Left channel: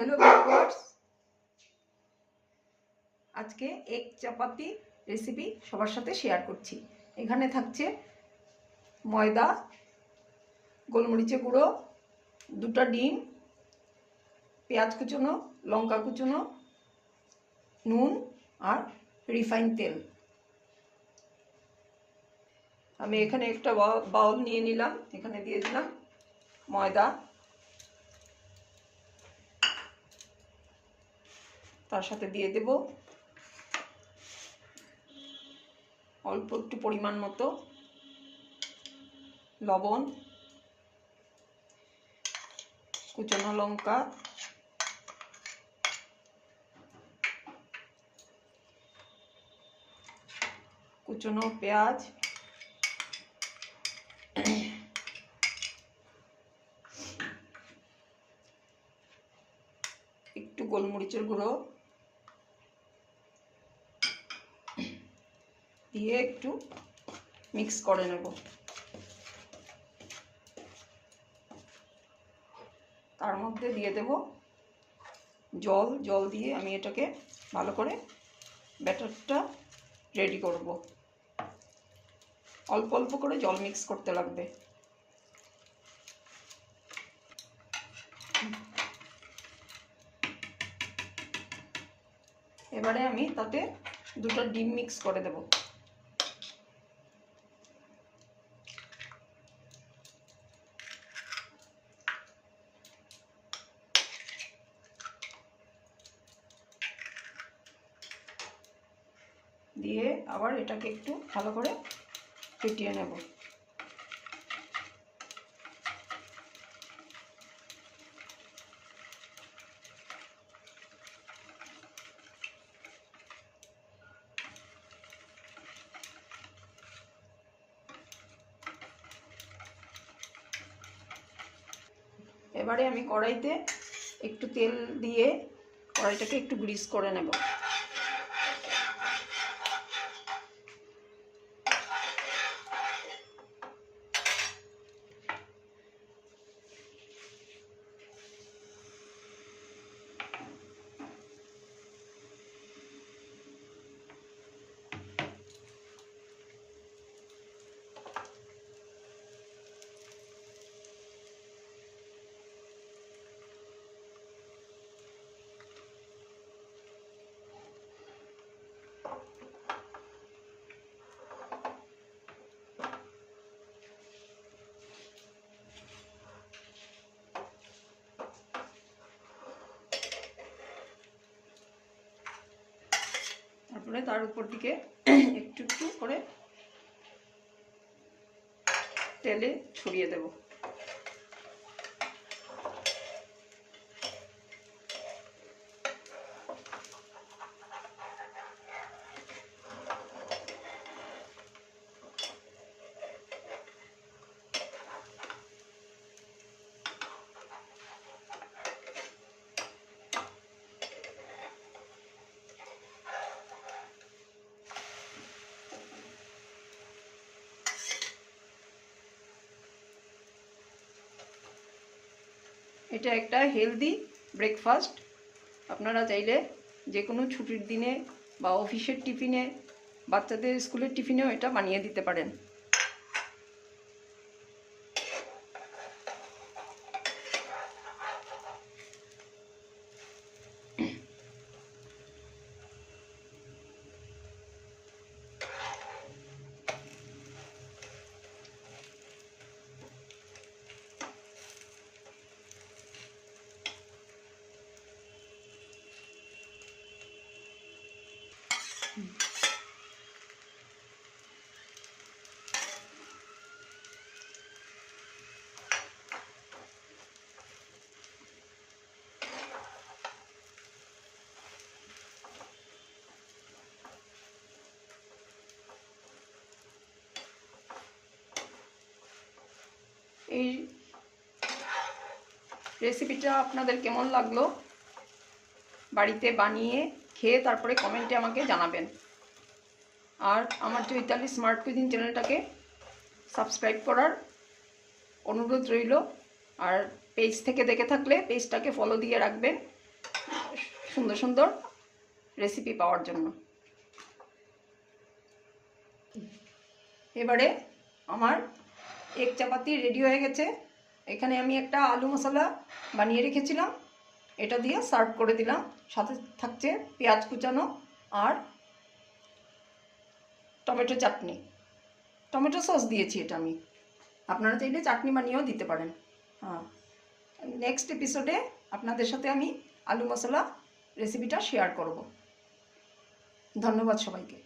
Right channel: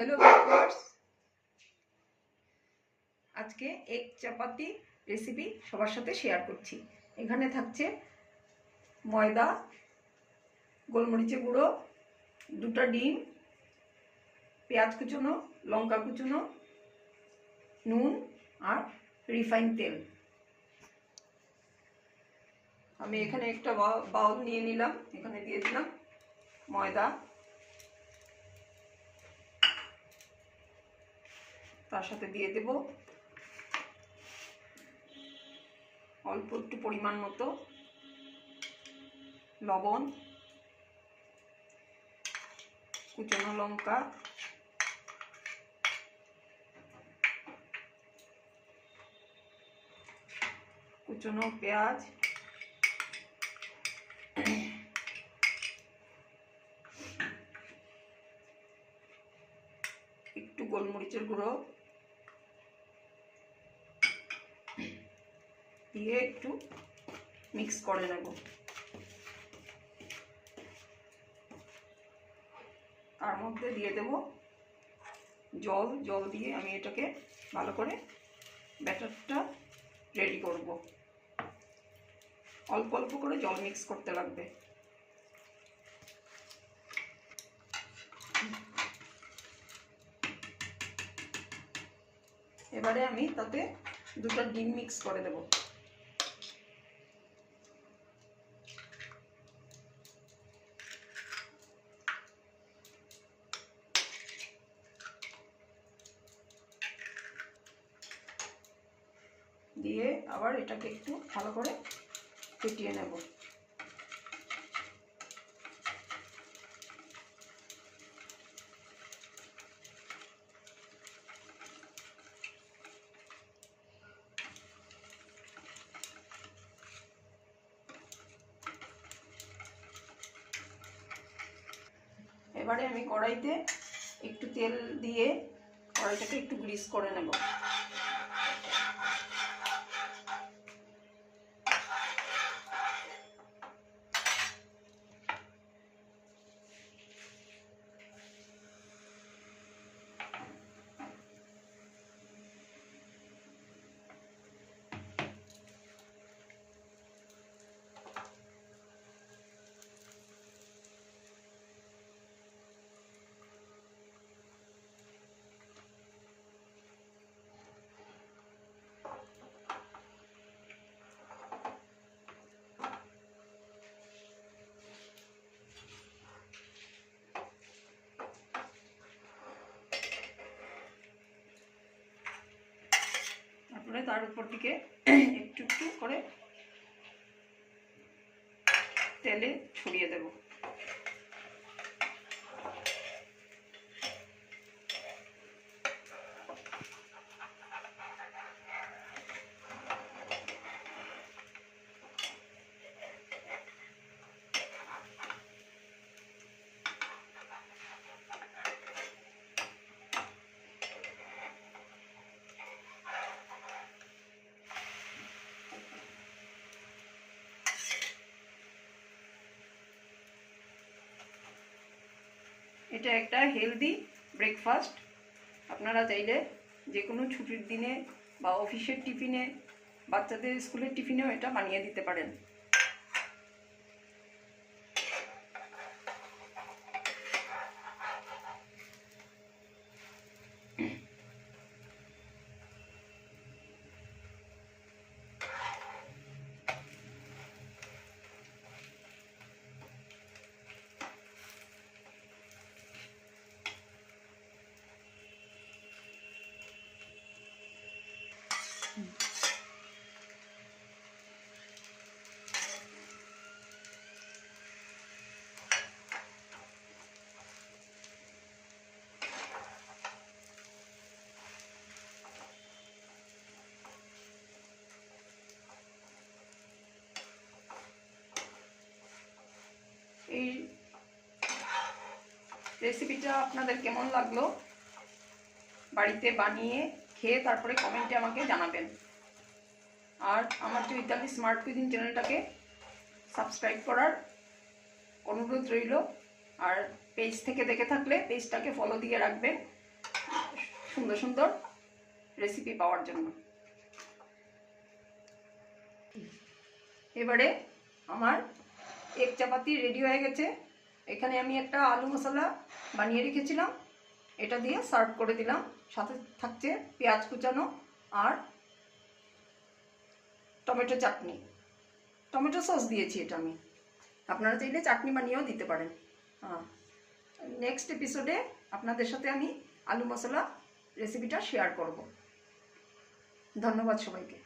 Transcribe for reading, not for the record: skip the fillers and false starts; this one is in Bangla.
হ্যালো ভিউয়ার্স, আজকে এগ চাপাতি রেসিপি সবার সাথে শেয়ার করছি। এখানে থাকছে ময়দা, গোলমরিচের গুঁড়ো, 2টা ডিম, পেঁয়াজ কুচনো, লঙ্কা কুচনো, নুন আর রিফাইন তেল। আমি এখানে একটা বাউল নিয়ে নিলাম, এখানে দিয়ে দিলাম ময়দা, তার সাথে দিয়ে দেব অল্প একটু পরিমাণ মতো লবণ, কুচনো লঙ্কা, কুচনো পেঁয়াজ, একটু গোলমরিচের গুঁড়ো দিয়ে একটু মিক্স করে নেব। তার মধ্যে দিয়ে দেব জল দিয়ে আমি এটাকে ভালো করে ব্যাটারটা রেডি করব। অল্প অল্প করে জল মিক্স করতে লাগবে। এবারে আমি তাতে 2টা ডিম মিক্স করে দেব। দিয়ে আবার এটাকে একটু ভালো করে ফেটিয়ে নেব। এবারে আমি কড়াইতে একটু তেল দিয়ে কড়াইটাকে একটু গ্রিস করে নেব। তারপরে তার উপর দিকে একটু একটু করে তেলে ছড়িয়ে দেব। এটা একটা হেলদি ব্রেকফাস্ট। আপনারা চাইলে যে কোনো ছুটির দিনে বা অফিসের টিফিনে, বাচ্চাদের স্কুলের টিফিনেও এটা বানিয়ে দিতে পারেন। এই রেসিপিটা আপনাদের কেমন লাগলো বাড়িতে বানিয়ে খেয়ে তারপরে কমেন্টে আমাকে জানাবেন। আর আমার চৈতালি স্মার্ট কুইজিন চ্যানেলটাকে সাবস্ক্রাইব করার অনুরোধ রইল। আর পেজ থেকে দেখে থাকলে পেজটাকে ফলো দিয়ে রাখবেন, সুন্দর সুন্দর রেসিপি পাওয়ার জন্য। এবারে আমার এগ চাপাতি রেডি হয়ে গেছে। এখানে আমি একটা আলু মশলা বানিয়ে রেখেছিলাম, এটা দিয়ে সার্ভ করে দিলাম। সাথে থাকছে পেঁয়াজ কুচানো আর টমেটো চাটনি, টমেটো সস দিয়েছি এটা আমি। আপনারা চাইলে চাটনি বানিয়েও দিতে পারেন। হ্যাঁ, নেক্সট এপিসোডে আপনাদের সাথে আমি আলু মশলা রেসিপিটা শেয়ার করব। ধন্যবাদ সবাইকে।